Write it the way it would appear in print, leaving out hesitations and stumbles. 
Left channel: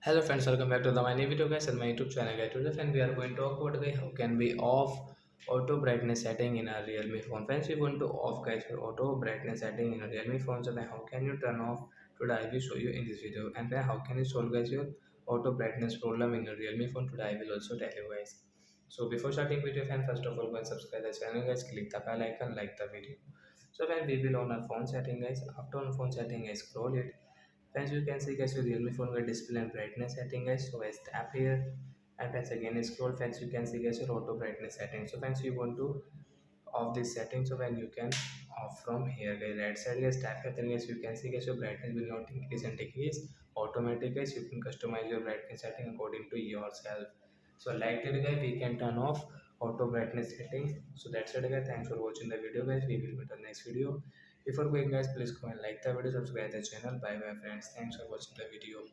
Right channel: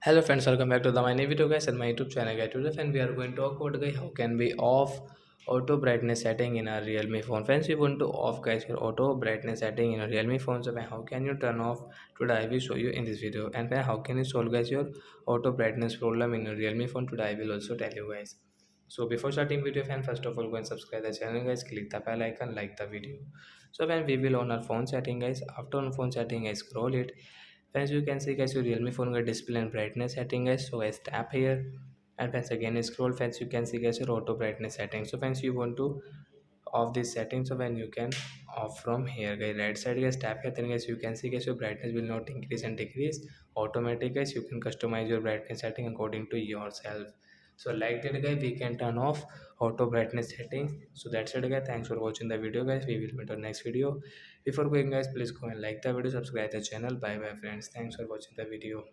Hello friends, welcome back to the my new video guys and my YouTube channel guys. Today friend we are going to talk about guys how can we off auto brightness setting in our Realme phone. Friends, we want to off guys your auto brightness setting in a Realme phone. So how can you turn off? Today I will show you in this video. And then how can you solve guys your auto brightness problem in your Realme phone? Today I will also tell you guys. So before starting video fan, first of all go and subscribe the channel guys, click the bell icon, like the video. So when we will on our phone setting guys, after on phone setting I scroll it. Friends, you can see guys your Realme phone got display and brightness setting guys. So guys tap here and friends again scroll. Friends, you can see guys your auto brightness setting. So friends, you want to off this setting. So when you can off from here guys, right side guys, tap here, then guys you can see guys your brightness will not increase and decrease automatic guys. You can customize your brightness setting according to yourself. So like that guys, we can turn off auto brightness setting. So that's it guys, thanks for watching the video guys. We will meet on next video. Before going guys, please go and like the video, subscribe the channel. Bye bye friends, thanks for watching the video.